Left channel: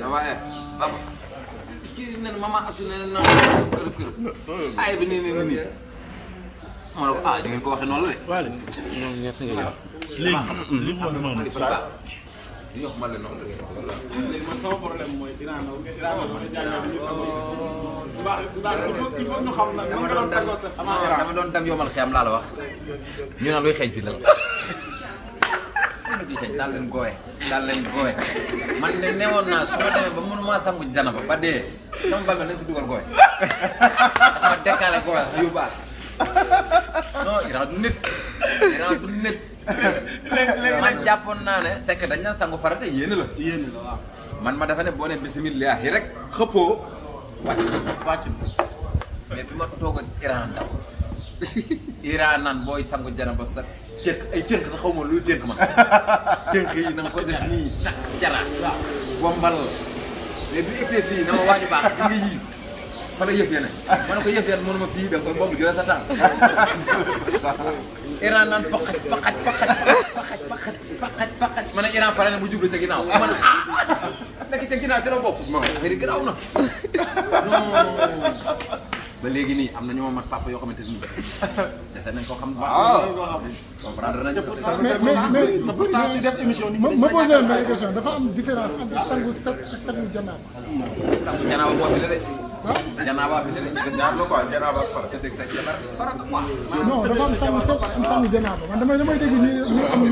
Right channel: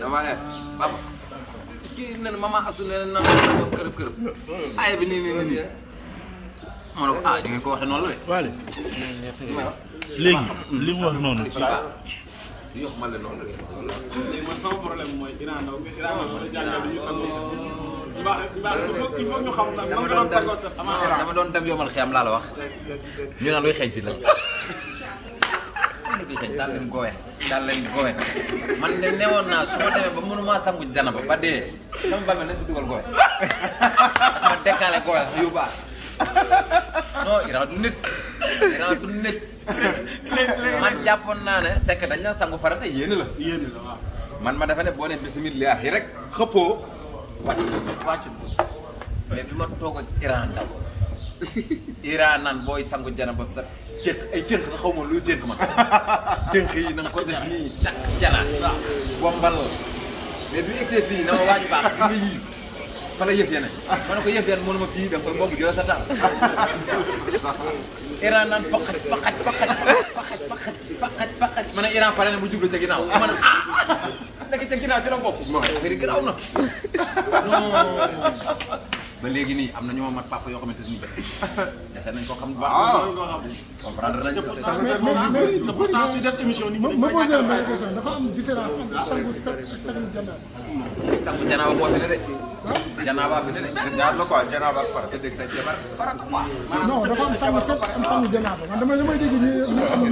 dama papa kii nee na maman Asou nee na kërëb ay bi nii ma ne ko ah di ngeen ko waxee noonu la de. waaye léegi li mu wax noonu. li wax ma la noonu la. léegi man sama problème mooy Iran Ndao dafa jàngal li ñuy sangoo set. il faut ñu xam nag nan nga doon sangoo set avant Iran. dama doon dem yomal xiyam laa la wax ñu naan luy xeeñ fi la. daal leen goowe man de newoon naa su ma demee ba mënuma sangu janaba ba dee sama bàmmeel nañ fi dugal goowe ma dekkaale goowe yóbbaale non Iran du nit man jàppoon naa ne c'est que dañ na sangu farata yéene la waaw. man ma defe ne boo ne bismillah yi rek xëppoo wàcc mais bi ma toog ak Iran Ndao Iran naan booy sangu janaba sa tënk ay tënk sa xaw ma luy tënk man tënk yi na nga ko def nii takk jala bombal mais bi excès fii na ma waaju baax di nga yii fa la yëf yene ma ne ko yëf yene mënuma fii da nga koy bomb jëla sa temps Iran naan paxaj ma ne Iran pare ne mu jublu ca ginnaaw ma ne nekk ca ginnaaw ci la bopp ma affaire yi garaaw na non ba léegi nii am na ñoo mat papa yoo xamante ni dese nañ ko xam bu baax. comprendre nañ ko. mais pourtant su def émission nit ñi dañ koy ñàkkal question dafa am différence entre sangu set ak sangu janaaba. sangu janaaba moo fi la de. janaaba fi la de ñaar la quoi janaaba ak fara te dégg sa jabar farat quoi. non dafa am sangu set am sangu janaaba man damay dégg ñu am.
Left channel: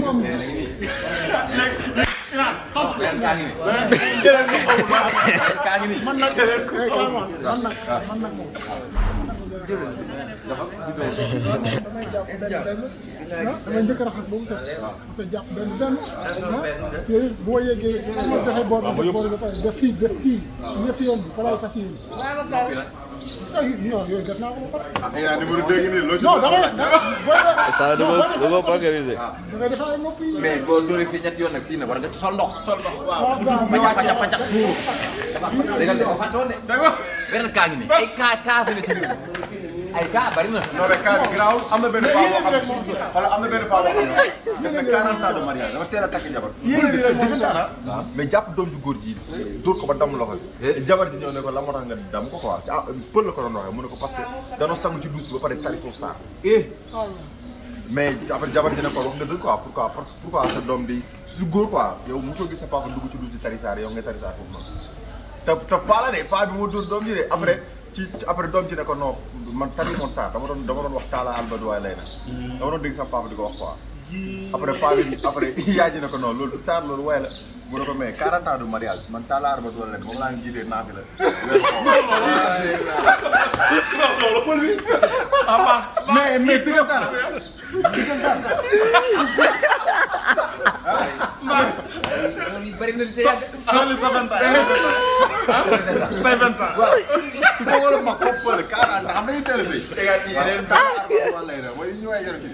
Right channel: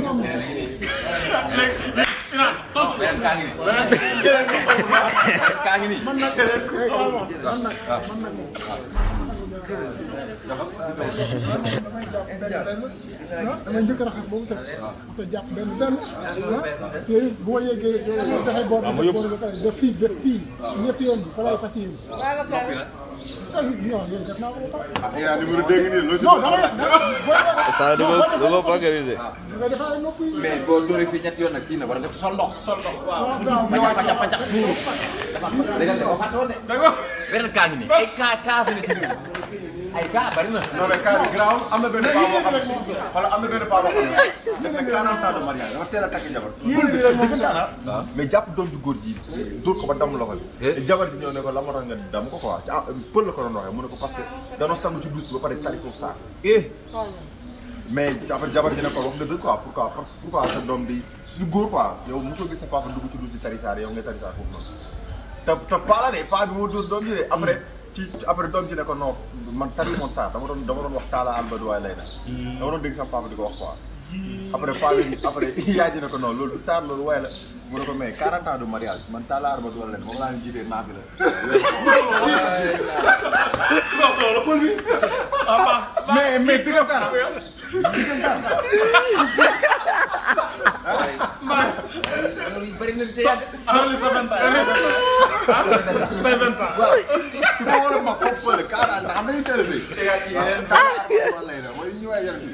beneen kaa ngi nii. kaa ngi nii. man nag moom. damay jàpp benn damay njëkk a raxas boobu set après jàpp benn te bu ma yeggee ma joxe boor bi def boor bi ba pare def fii ñetti yoon bi fa lay fas yéene. non yooyu def naa ko ba pare. yaa numéro 2 nii loo ci non damay ça da ko vulgariser. damay defar nopp yi. mais boo dóoree fii ñetti yoon nag fii nag war nga ci sol ndox. waaw pacax. dégg nga dafa fàtte woon de. beneen kaa ngi nii ay kaa fi ne ci biir ay kaa bari na. non mais cas bi garaaw am na benn paa boo xam ne xoolal am na benn paa boo xam ne def na 40 ans de mariage dama teel a takk jabar. mais jàpp doom ju góor ji dóor ko ba damm loxo bi. jabar ji ñëw ne ko la moo tax nga damm ko quoi ah pël la ko doon waxee mu ne ko parce que danoo sangu ci douche bi ba pare tari foofu saar. mais après jabar ji ne ko wax nga dëgg quoi pourquoi sa doom di su góor quoi yow mosoo gis sa papa dugg ci douche di tari saar yow nga tari saar foofu noonu. te paa la de paa bi moo dóor doom ji de après doom ji ne ko non man tari moon saar dama doon wax taala albadu waay lay na dama doon dégg sama papa di ko wax quoi après paa bi après yaay ji ne ko non loolu du saar loolu waay la mu ne ko mais 40 ans de mariage man taala albadu waay lay na moom laa ñu jiitee naa fi la mais diggante loolu yu bëri na te yàgg. loolu sa 20 ans. say 20 ans. waaw wala ma foofu fële 40 ndax xam nañu teel a sëy.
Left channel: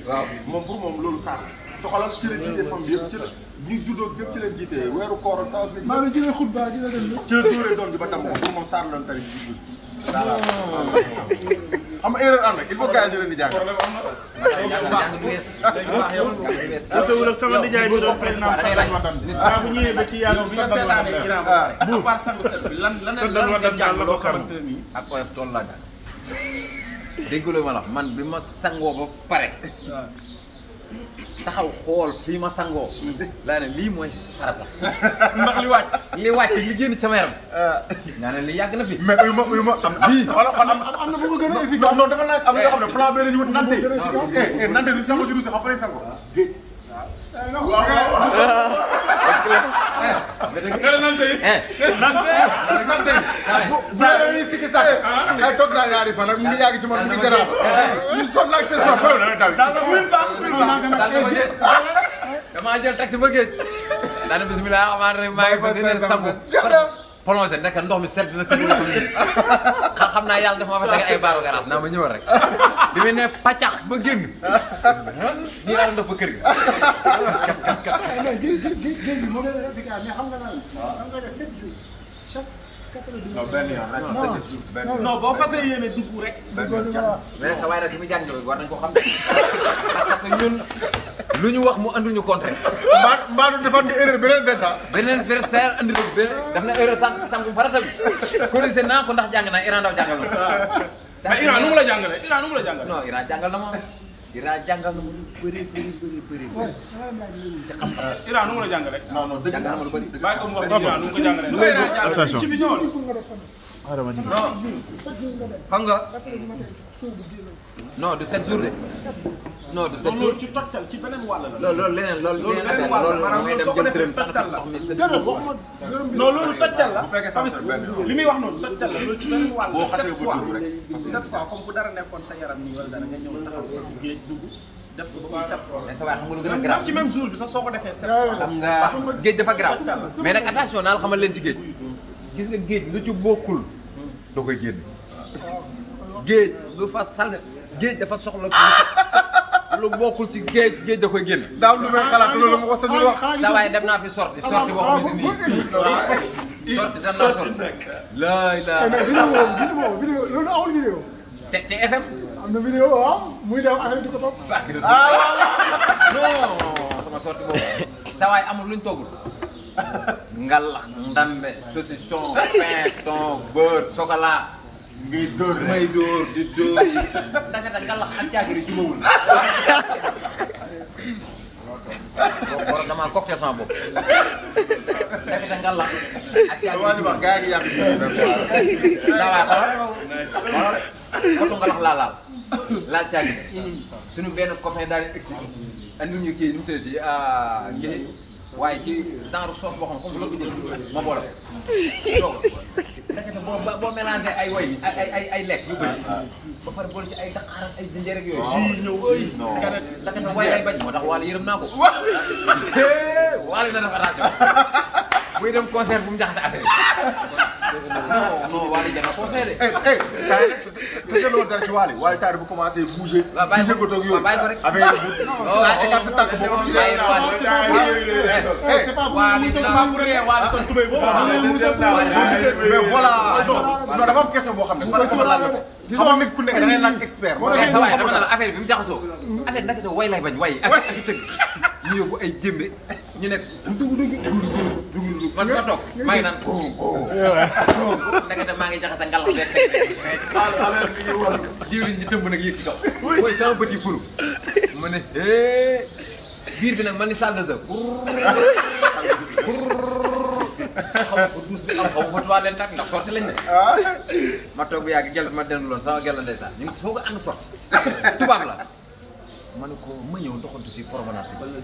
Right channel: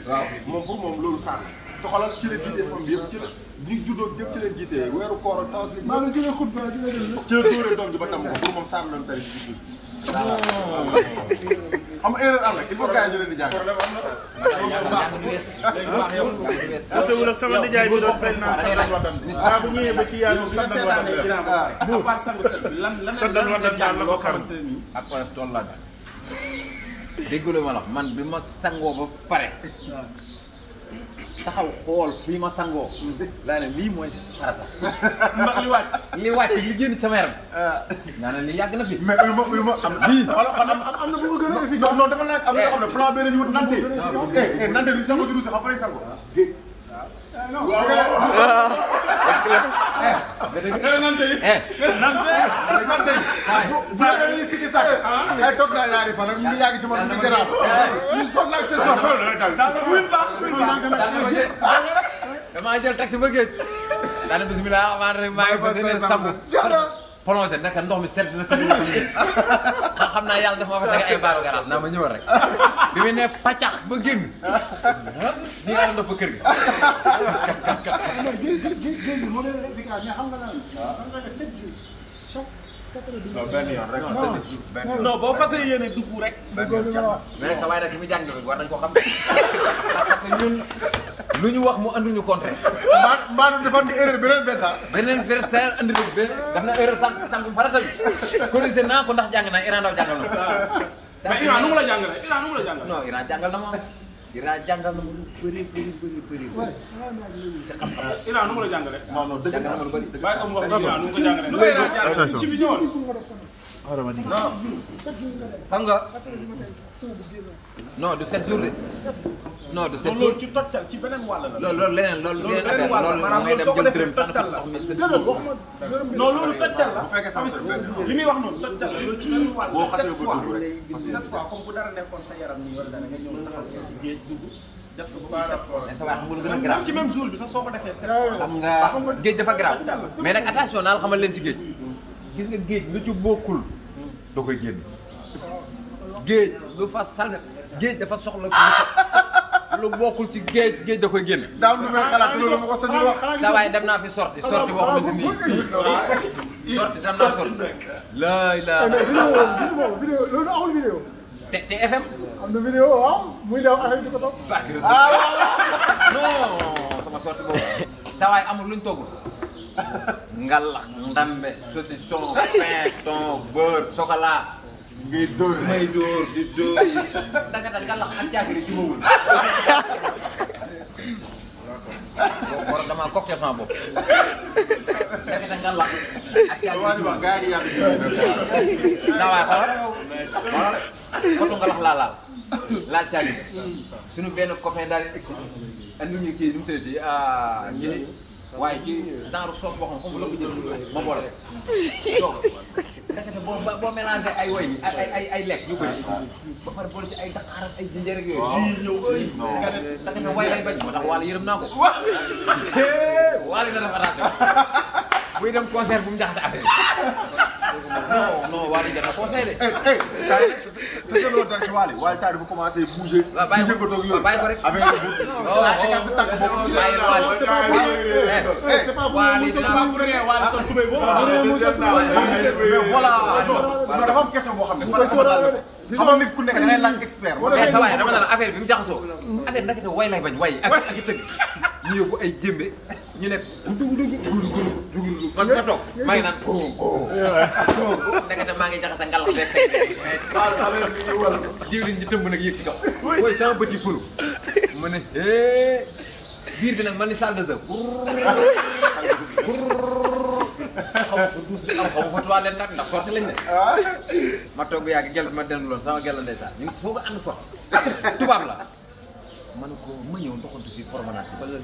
waaw moom pour moom loolu saar la. te xoolal ci la jiite fam bi yëpp ci la bu ñu juddoo yëpp ci leen jiite weeru koor ak tawas maa ngi jógee xutba ci la dem ci la dóoree doom ji ba tàmm ko pour moom saar la doon tari ci douche bi. xam nga erreur am na il faut gars yi ñu leen di jàng. jàng du wees. léegi baax yow. yow sama nijaay bi doon président saa bu ñëwee ba ci yàlla bi nga seetaanee Iran ba pare. à part sangu set bi lan nga jàng loo xamante ne nii. ak oyof tool laa jàng. dégguloo ma la man bi ma sangoo ba pare. taxaw xool fii ma sangoo. laa ne lii mooy farata. ndax li wàcc. li génn ci sama yaram. nga ne li yàgg na fi. mais uyu ma am bii xoolal xoolal am na bu ko gën a efficace. non dafa laaj am na yoo xam ne plan B la ñu wut nante. nante duñ sango ci douche xam fa lay sango. géej. nante saa yooyu sikki sàkk. ay toog naa yaari fan ak mu ngi yàgg ci man mu ngi garaab. ñu sonn ak seen soxla damaa jël taxi ba géej. daanaka bisimilah rahmaani rahiim maa ngi fas yéene sangu. plongé nekk ndox mi sedd na sedd na xam naa yàlla dafa ma fa tege ay baaru garaas naa ma ñëwal rek bi mu ne pàccax ba génn nii laa ndox ba kër gi. géej gi moo gën a efficace mais xam nga lan. xam nga ne 7 jours. chaque 90 non benn yoon rek. non boo fasee yéene dugg rek. déggoo li ma la wax. mais sa waay nag fi mu jàng war nañ ko xam parce que ñun lu ñu wax mu anduñu contraire. mbaa du defoon nga erreur beneen 20 ans. beneen versaire andi na daf na erreur sànq farata bi corrigé naa ko ndax jàng naa Iran Ndaw jàngal na ma. mais Iran nu mu la jàngalee Iran nu mu la jàngalee. non Iran jàngal na ma Iran jàngal na ma lu bëri. te xam-xam Iran nu mu la jàngalee. non non dëgg jàngal na ma lu bëri. bàyyi ko mu wax Iran nu mu ko jàngalee. ci bi ñëwoon. non xam nga non du 7 jours de non du 7 jours loolu ci tottal ci beneen wàll la. loolu leneen affaire loolu ngay dem jël dërëm sax ndox mi 7 jours non loolu tottal la. bu fekkee sax li muy wax noonu tottal la loolu ci beneen wàll boo la. xasee 7 ba fois dugg rek. 7 fois comme bu dara nekkoon sa yaram nii wala dara nga ñëw taxaw ci géej dugg def ko ba muy 7 fois. mais sa waay xam nga lu gën a grave ci même jour bi sax soo ko defee 7 fois. xam nga géej dafa grave mais nag attention naa la xamal leen ci géej gis nga géej lu ci bokkul doo koy génne géej lu fa sal géej dafa soxla lu bokkul ci géej da koy génne. daaw lu may xalaat loolu ma ko sañu wax. sa waay dem naa fi sorti boo xamante ni sorti dem naa sorti. laay laa mais vidéo gis nga vidéo loolu amul vidéo. te FM. am na vidéo waaw muy dem affaire di ko topp. non sama sorti boobu sa waay amul luñ toggul. ngalax ndambe saucisson pain thon beurre chocolat. ngay dóor may dóor di dóor danga ngalax ak jaagiri jubawul. boo damaa cocktail sama bopp. danga ngalax ak jaagiri jubawul. gaa yi yàq sa waay xoolal potu ngalax laa laal jaagiri. suñu benn copain daal di egsi andil ñu kii nu mu tëddee kii waaye ci genre sauce boo xam ne comme bu la ko jël ma boole ko donc ndekete boo mélangé ay woy bi ay lekk yu bëri ba pare boole ci ay daqaar ak ay jinjeer ak yooyu. ndekete way lay bañ moo tax waale yërëm naa ko. waale na def attention buy dem concert bu mu jaxase affaire yi. non waale jar na concert de. te loolu dara ci Wally Wally dafa commencé bouger. waaw bàyyi ko yëngatoo ak yooyu. bàyyi ko rek. affaire yi bu tàkk boo ko bàyyi Wally. c'est pas Wally c'est pas pour rien Wally son tubéy boobu. mais voilà. non dafa am question boo xam ne fa dafa laaj la xam nga nit ku nekk da ngay laaj expert. mais sa waay dama ne la affaire bi mu jaxasoo. affaire bi naka way lay bañ way ak i tëgg ñu yóbbu ay jémbe ñu nekk dugg man ma toog maa ngi naan ko ndekete maa ngi jaxase ngalax beeg mais affaire bi ñu war diwlin ñi tëmb nag yéeg ci kaw mooy sama bët yi fulu ma ne biir bi nag man ni salle de jeu xaw ma fa douze bi am xaw ma fa toilette tamit ndax sorti lañ ne ma toog yàgg gel bi ma denduloon sama gel la ndeysaan ñu ngi foog a ànd sorti tubaab la ma ne ko ma ñëw doxantu si promenade bi